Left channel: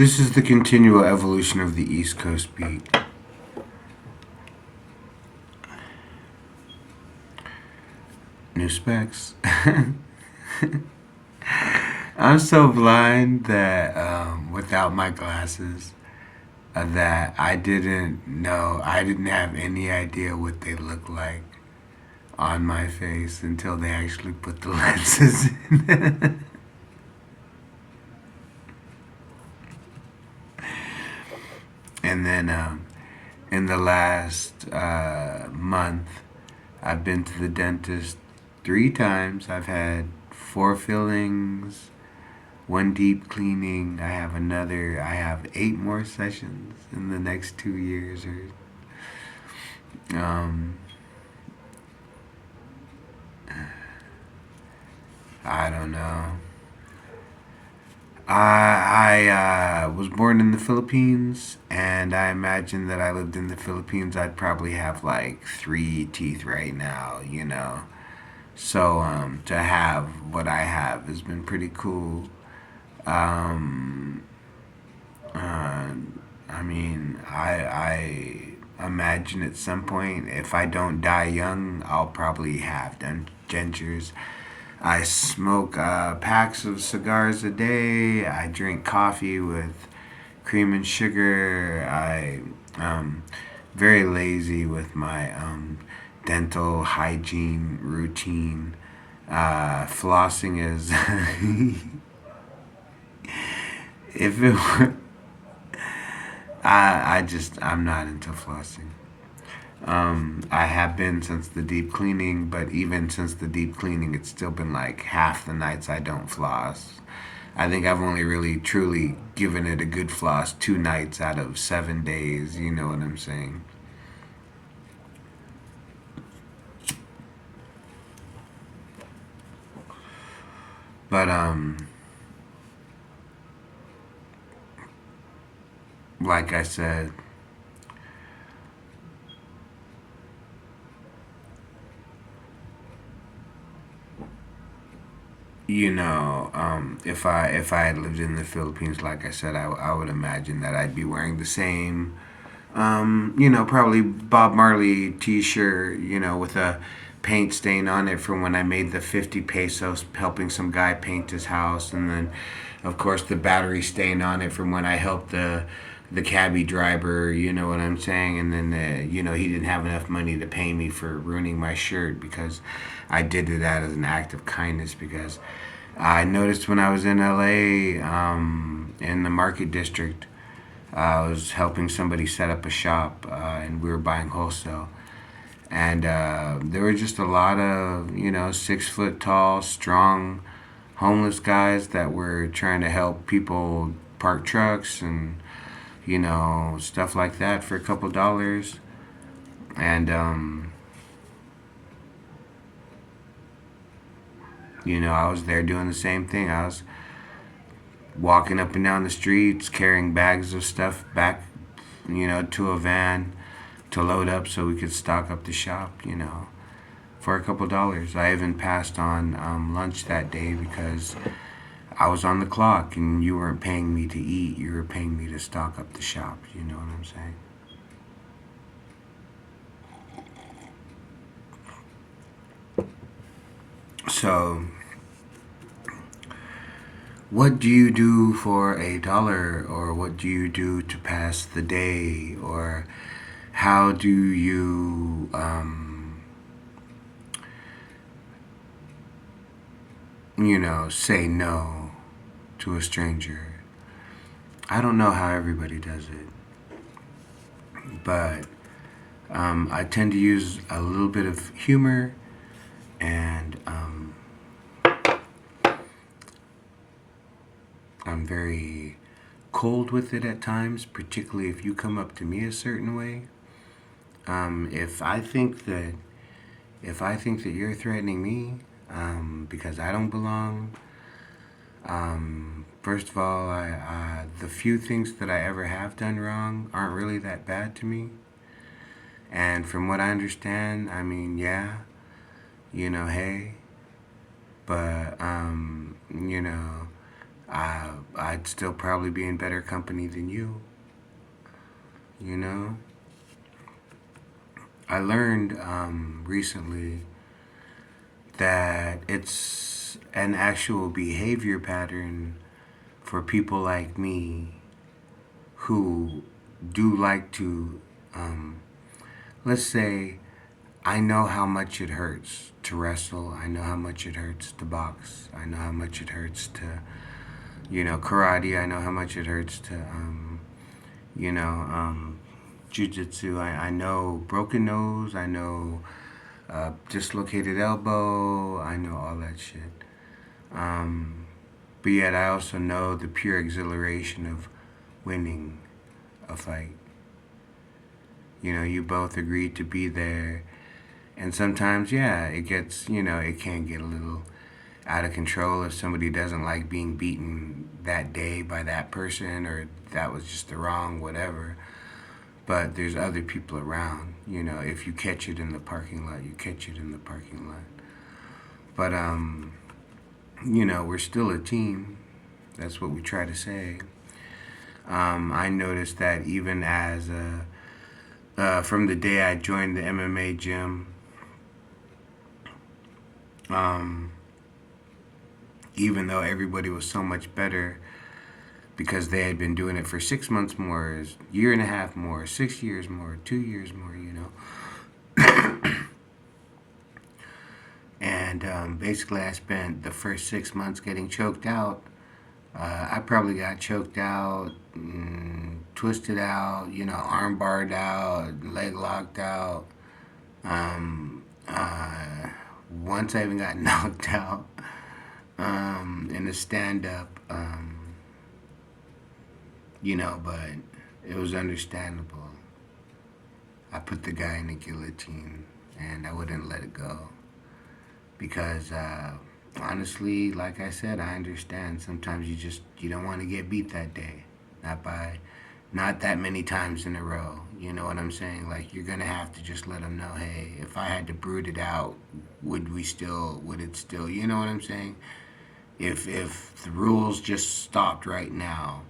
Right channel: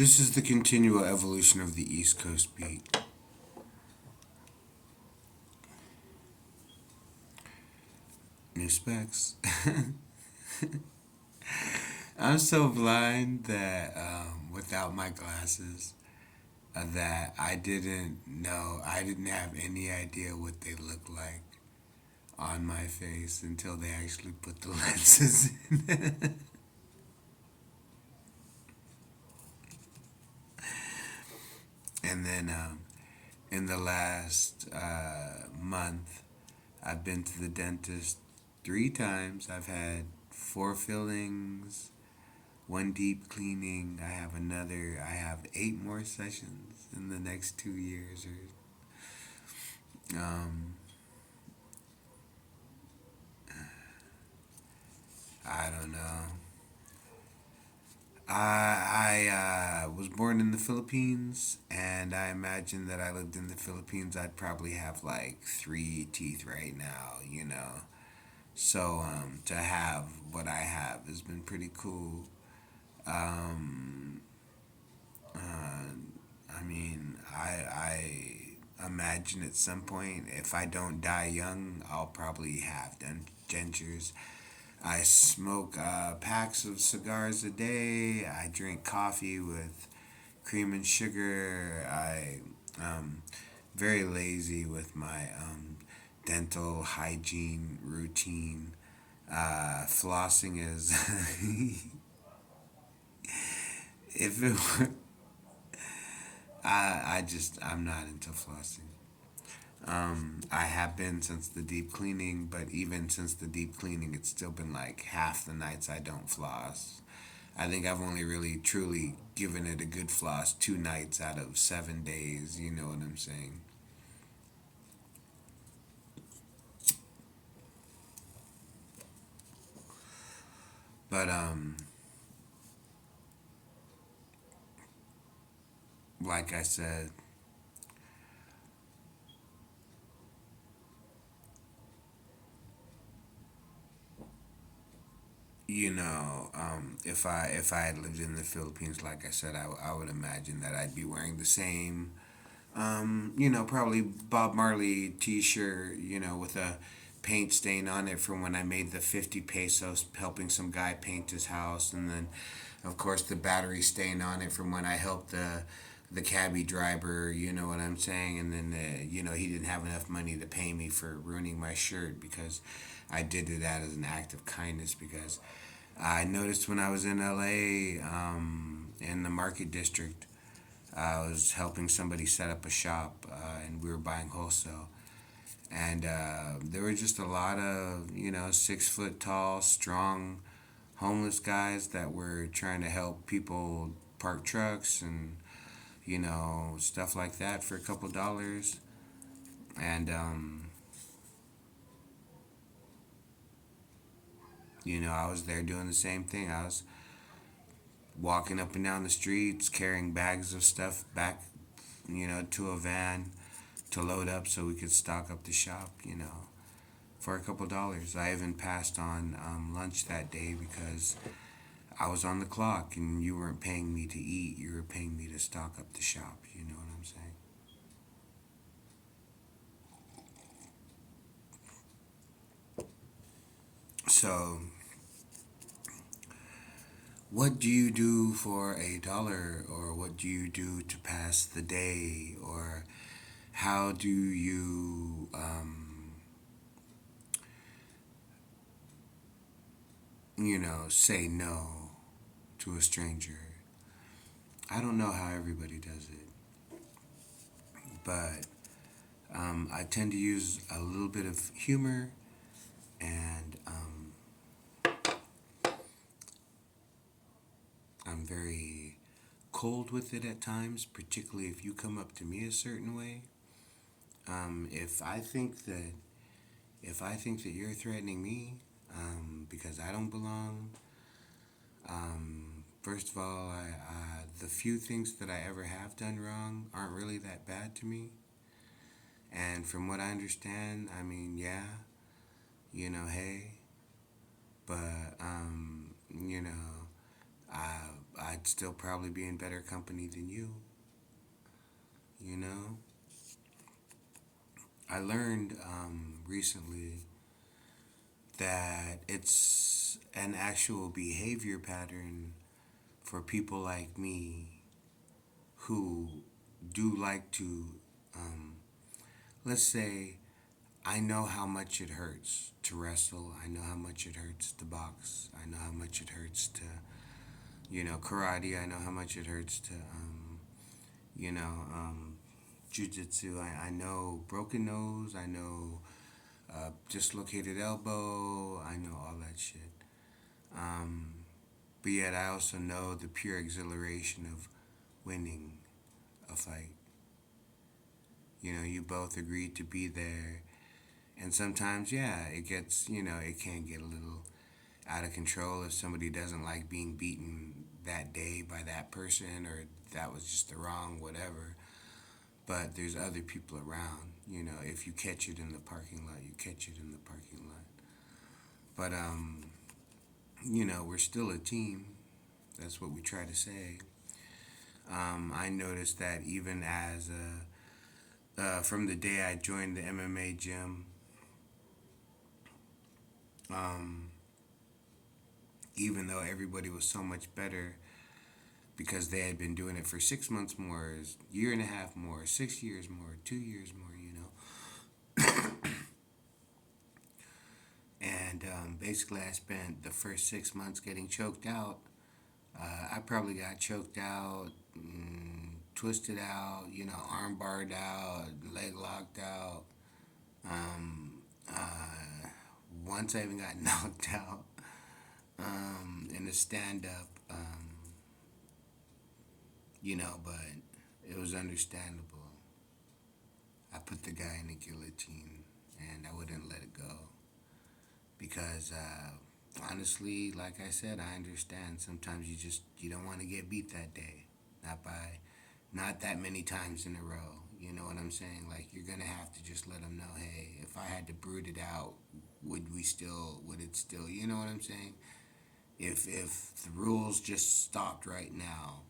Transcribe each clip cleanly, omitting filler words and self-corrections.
This is the continual evolution of the East Coast beat. New specs. I'm so blind that without my glasses, that I didn't have any idea what they look like on my face until they actually put the lenses in. And then in the last month, I've been to the dentist 3 times. I've had 4 fillings, one deep cleaning. I have 8 more sessions in the next 2 years. Um, I don't know. I was born in the Philippines, and I imagine that I lived in the Philippines, I'd probably have like 3 teeth right now. So to have what I have has been pretty cool. Um, uh, I mean, I imagine at some point, if I don't die young, I'll probably have dentures. I smoke packs of cigars a day. I drink coffee with cream and sugar. I very lazy with my dental hygiene routine. Flossing is if it were, I'm not into flossing. I have been since the deep cleaning, but even since the deep cleaning, it's still been like half the nights I don't floss. I think I've only really truly given it a good floss 2 nights out of 7 days. You know what I'm saying? But like I said, if I had lived in the Philippines, like I said, I would imagine that I'd be wearing the same, probably Bob Marley T-shirt, with a paint stain on it from when I made the 50 pesos helping some guy paint his house, and then, of course, the battery stain on it from when I helped the cabbie driver. You know what I'm saying? And then, he didn't have enough money to pay me for ruining my shirt because I did that as an act of kindness because I noticed when I was in LA, in the market district, I was helping somebody set up a shop, and we were buying wholesale. And there were just a lot of, 6 foot tall, strong, homeless guys that were trying to help people park trucks and, stuff like that for a couple dollars. And, I was there doing the same thing. I was walking up and down the streets, carrying bags of stuff back, to a van to load up so we could stock up the shop, for a couple dollars. I even passed on lunch that day because I was on the clock and you weren't paying me to eat. You were paying me to stock up the shop. You know what I'm saying? So, what do you do for a dollar, or what do you do to pass the day, or how do you, say no to a stranger? I don't know how everybody does it, but I tend to use a little bit of humor, and I'm very cold with it at times, particularly if you come up to me a certain way. If I think that you're threatening me because I don't belong, first of all, the few things that I ever have done wrong aren't really that bad to me. And from what I understand, I mean, yeah, hey, but I'd still probably be in better company than you. You know, I learned recently that it's an actual behavior pattern for people like me who do like to, um, let's say, I know how much it hurts to wrestle. I know how much it hurts to box. I know how much it hurts to, karate. I know how much it hurts to, you know, um, jujitsu. I know broken nose. I know dislocated elbow. I know all that shit. Um, but yet I also know the pure exhilaration of winning a fight. You both agreed to be there. And sometimes, yeah, it can get a little out of control if somebody doesn't like being beaten that day by that person or that was just the wrong whatever. But there's other people around. If you catch it in the parking lot, you catch it in the parking lot. But, we're still a team. That's what we try to say. I noticed that even from the day I joined the MMA gym, um, even though everybody was so much better because they had been doing it for 6 months more, a year and a half more, 6 years more, 2 years more. And basically, I spent the first 6 months getting choked out. I probably got choked out, twisted out, arm barred out, leg locked out. Um, uh, Once I even got knocked out in a stand up, but it was understandable. I put the guy in the guillotine and I wouldn't let it go because honestly, like I said, I understand. Sometimes you don't want to get beat that day, not that many times in a row. You know what I'm saying? Like you're gonna have to just let them know, hey, if I had to brood it out, would it still? You know what I'm saying? If the rules just stopped right now,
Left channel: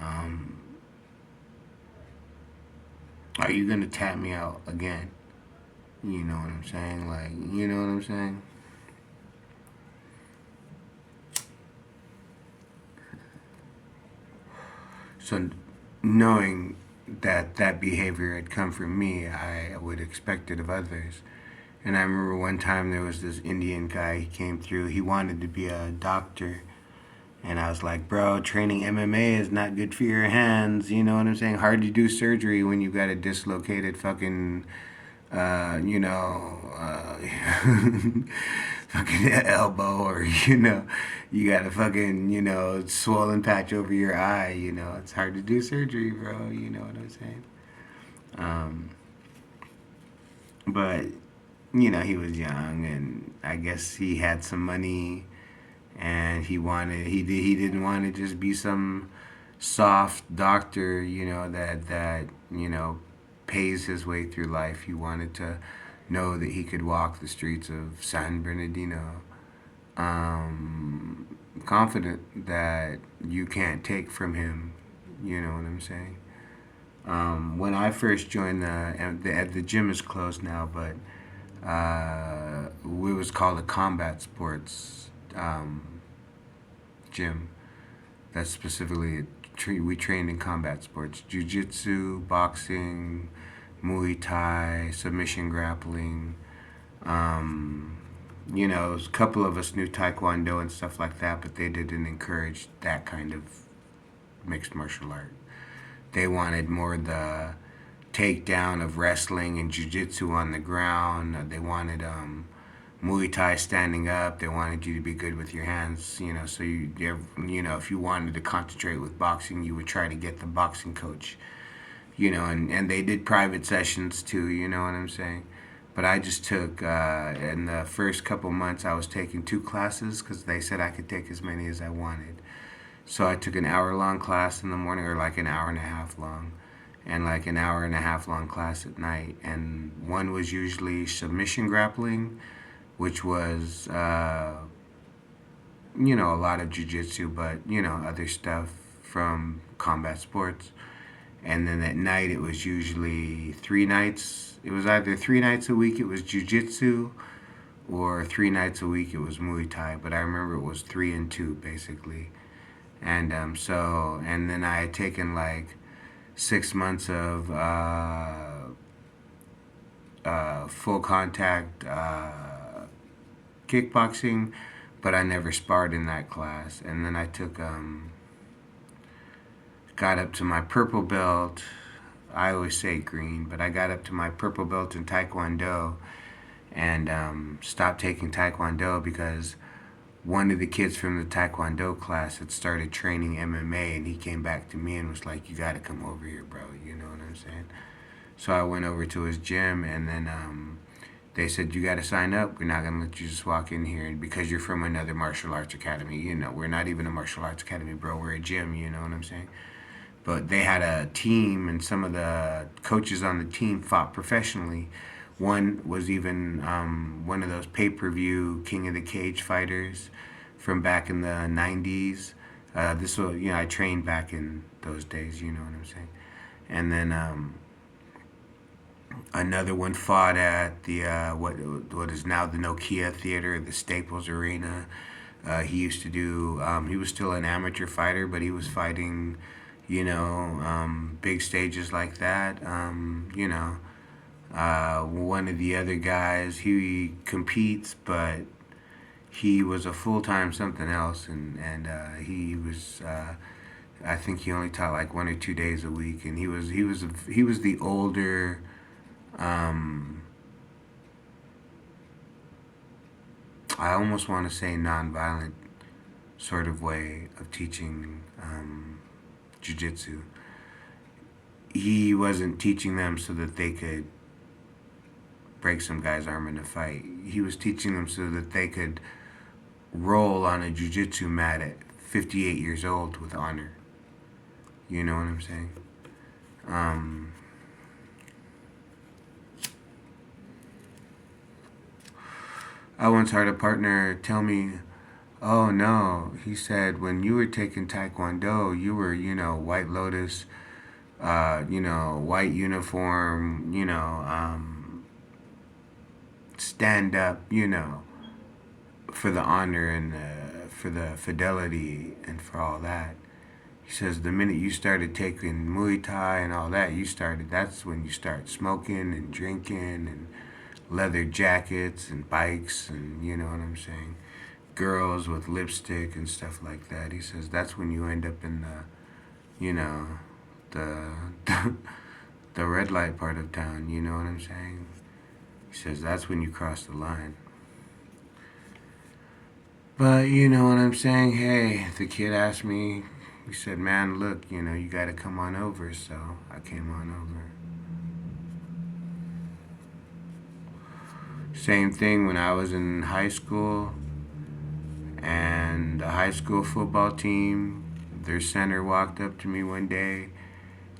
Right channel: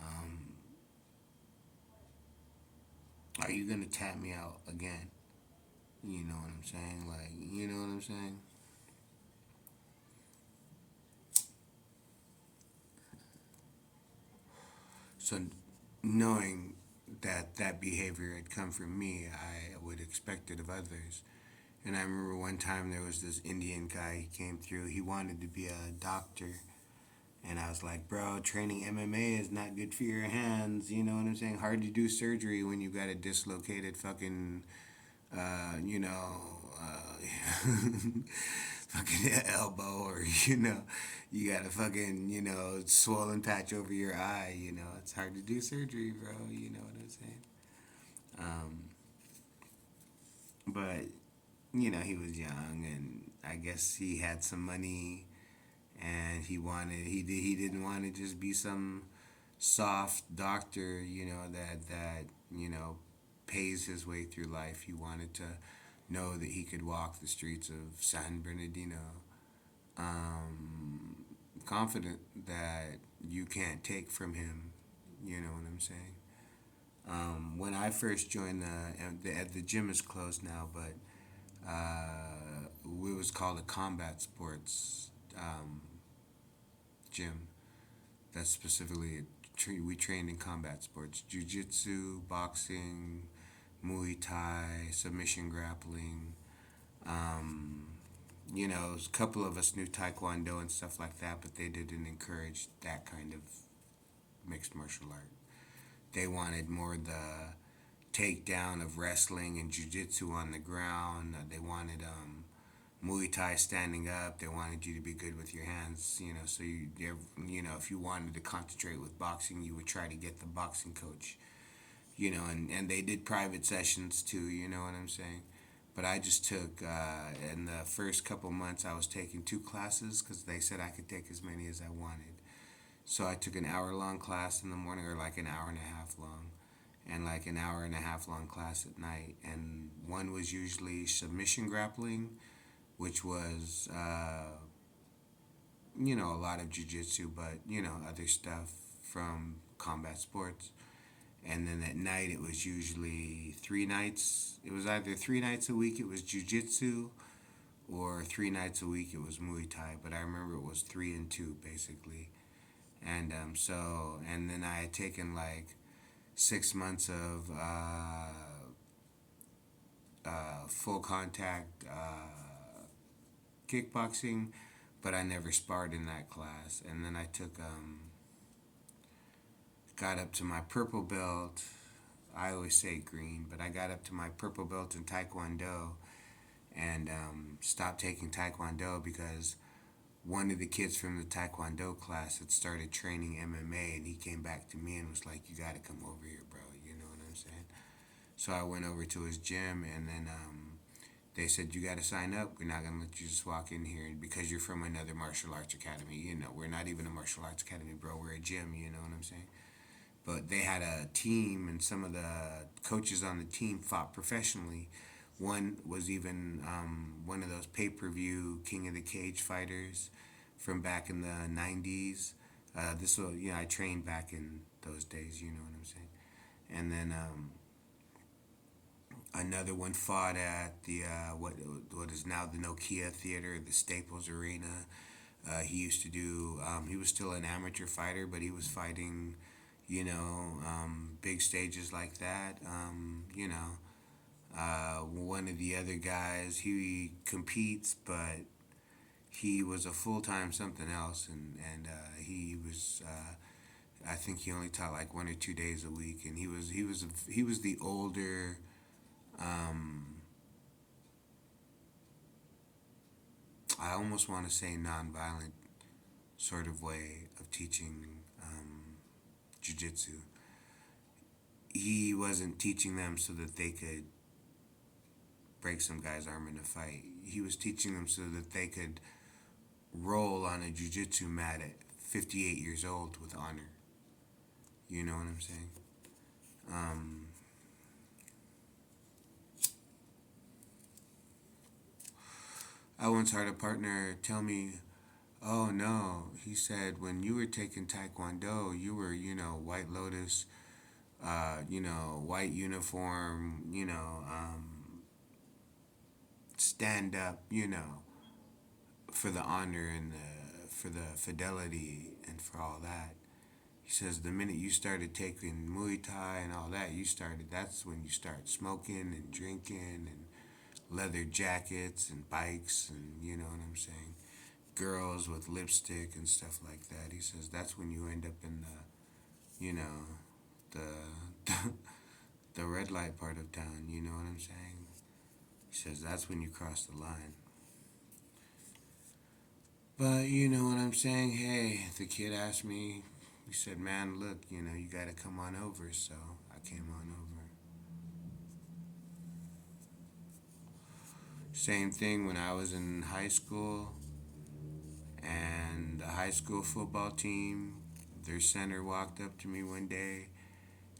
um, are you gonna tap me out again? You know what I'm saying? Like, you know what I'm saying? So, knowing that that behavior had come from me, I would expect it of others. And I remember one time there was this Indian guy. He came through. He wanted to be a doctor, and I was like, bro, training MMA is not good for your hands. You know what I'm saying? Hard to do surgery when you got a dislocated fucking, uh, you know, uh, fucking elbow, or you got a fucking swollen patch over your eye. It's hard to do surgery, bro. You know what I'm saying? Um, but he was young, and I guess he had some money, and he didn't want to just be some soft doctor, that pays his way through life. He wanted to know that he could walk the streets of San Bernardino, um, confident that you can't take from him. You know what I'm saying? When I first joined the gym is closed now, but it was called a combat sports gym. That's specifically we trained in combat sports: jiu-jitsu, boxing, Muay Thai, submission grappling. Um, a couple of us knew Taekwondo and stuff like that, but they didn't encourage that kind of mixed martial art. They wanted more the takedown of wrestling and jiu-jitsu on the ground. They wanted Muay Thai standing up. They wanted you to be good with your hands, so if you wanted to concentrate with boxing, you would try to get the boxing coach, and they did private sessions too, you know what I'm saying? But I just took, in the first couple months, I was taking 2 classes because they said I could take as many as I wanted. So I took an hour long class in the morning, or like an hour and a half long, and like an hour and a half long class at night. And one was usually submission grappling, which was a lot of jujitsu, but other stuff from combat sports. And then at night it was usually 3 nights. It was either 3 nights a week it was jujitsu, or 3 nights a week it was Muay Thai. But I remember it was 3 and 2 basically. And and then I had taken like 6 months of full contact kickboxing, but I never sparred in that class. And then I took got up to my purple belt. I always say green, but I got up to my purple belt in Taekwondo, and stopped taking Taekwondo because one of the kids from the Taekwondo class had started training MMA, and he came back to me and was like, "You got to come over here, bro." You know what I'm saying? So I went over to his gym, and then they said, "You got to sign up. We're not gonna let you just walk in here, and because you're from another martial arts academy. We're not even a martial arts academy, bro. We're a gym. You know what I'm saying?" But they had a team, and some of the coaches on the team fought professionally. One was even one of those pay-per-view King of the Cage fighters from back in the 90s. This was, I trained back in those days, you know what I'm saying? And then another one fought at the what is now the Nokia Theater, the Staples Arena. He used to do. He was still an amateur fighter, but he was fighting, big stages like that. One of the other guys, he competes, but he was a full time something else, and he was. I think he only taught like 1 or 2 days a week, and he was the older. Um, I almost want to say nonviolent sort of way of teaching jujitsu. He wasn't teaching them so that they could break some guy's arm in a fight. He was teaching them so that they could roll on a jujitsu mat at 58 years old with honor. You know what I'm saying? Um, I once heard a partner tell me, "Oh no," he said, "when you were taking Taekwondo, you were, White Lotus, white uniform, stand up, for the honor and for the fidelity and for all that." He says the minute you started taking Muay Thai and all that, that's when you start smoking and drinking and leather jackets and bikes, and you know what I'm saying, girls with lipstick and stuff like that. He says that's when you end up in the the red light part of town. You know what I'm saying? He says that's when you cross the line. But you know what I'm saying? Hey, the kid asked me, he said, "Man, look, you got to come on over." So I came on over. Same thing when I was in high school, and the high school football team, their center walked up to me one day,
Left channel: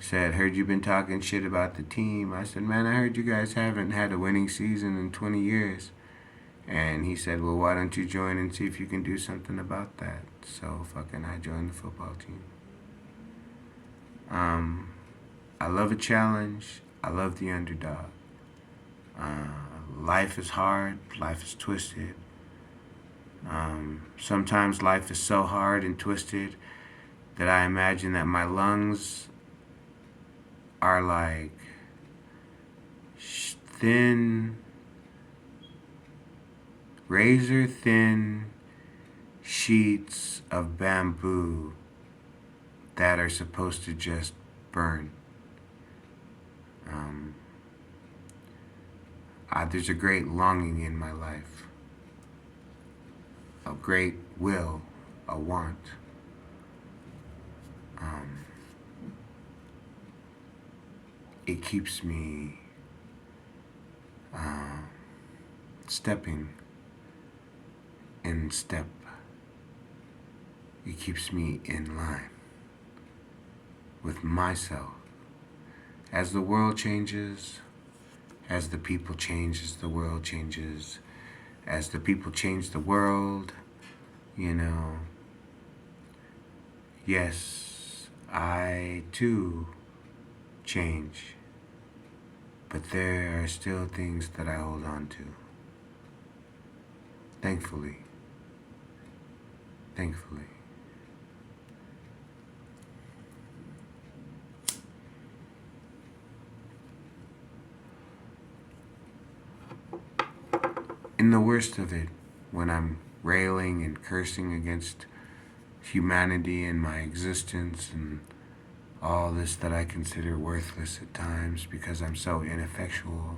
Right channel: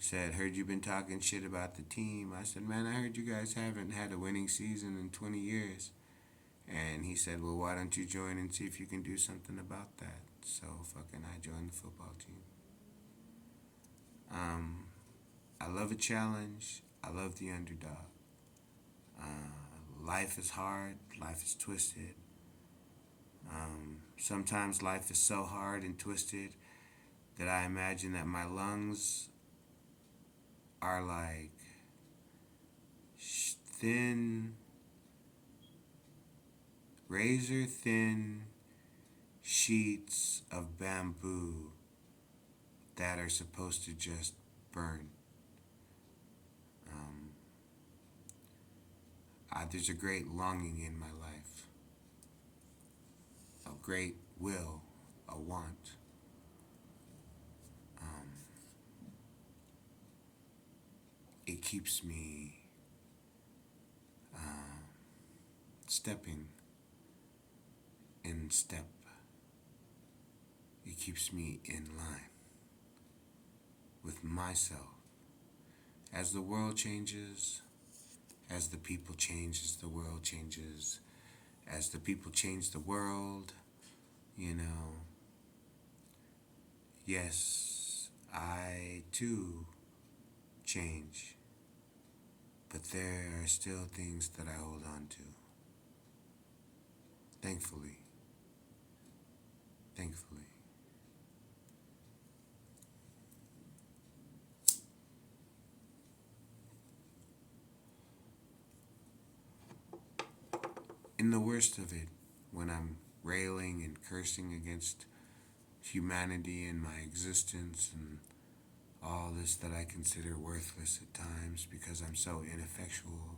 said, "Heard you been talking shit about the team." I said, "Man, I heard you guys haven't had a winning season in 20 years. And he said, "Well, why don't you join and see if you can do something about that?" So fucking I joined the football team. Um, I love a challenge. I love the underdog. Life is hard. Life is twisted. Sometimes life is so hard and twisted that I imagine that my lungs are like thin, razor thin sheets of bamboo that are supposed to just burn. Um, there's a great longing in my life, a great will, a want. Um, it keeps me stepping in step. It keeps me in line with myself. As the world changes, as the people change, as the world changes, as the people change the world, You know, yes, I too change, but there are still things that I hold on to. Thankfully, thankfully. In the worst of it, when I'm railing and cursing against humanity and my existence and all this that I consider worthless at times because I'm so ineffectual,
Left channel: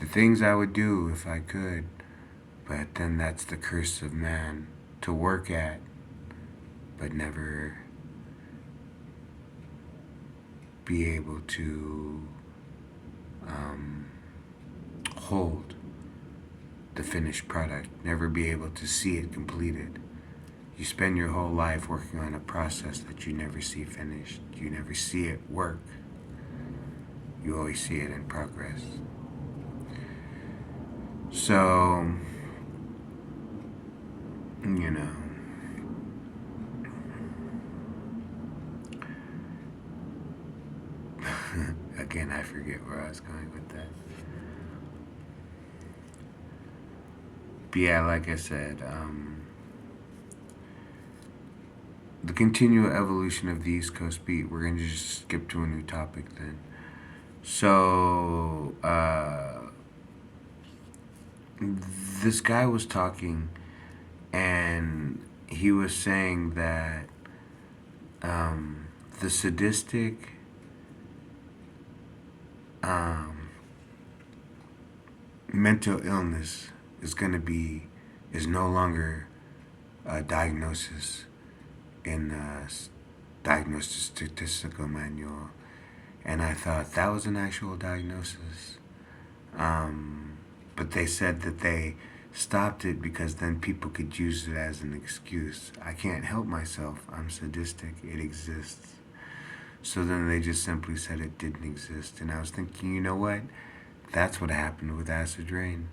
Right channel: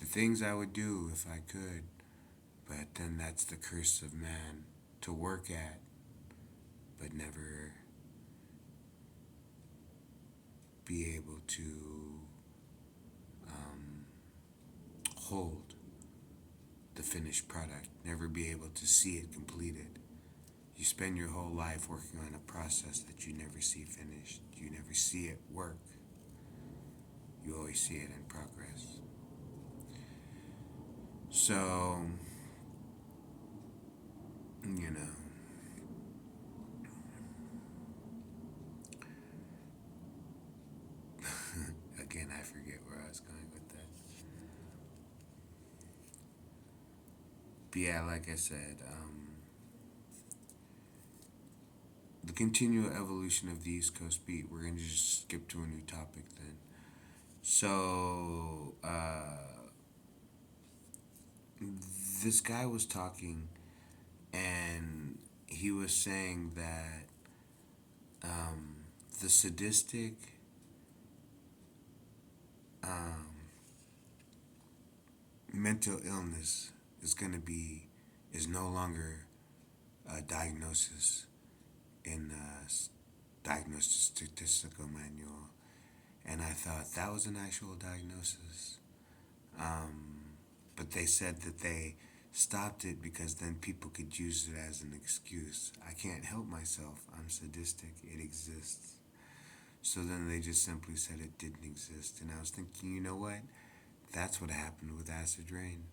the things I would do if I could, but then that's the curse of man to work at, but never be able to um, hold the finished product, never be able to see it completed. You spend your whole life working on a process that you never see finished. You never see it work. You always see it in progress. So, you know, again, I forget where I was going with that. But yeah, like I said, the continual evolution of the East Coast beat, we're going to just skip to a new topic then. So, this guy was talking and he was saying that the sadistic um, mental illness is going to be, is no longer a diagnosis in the diagnosis statistical manual. And I thought that was an actual diagnosis. Um, but they said that they stopped it because then people could use it as an excuse. I can't help myself. I'm sadistic. It exists. So then they just simply said it didn't exist. And I was thinking, you know what? That's what happened with acid rain.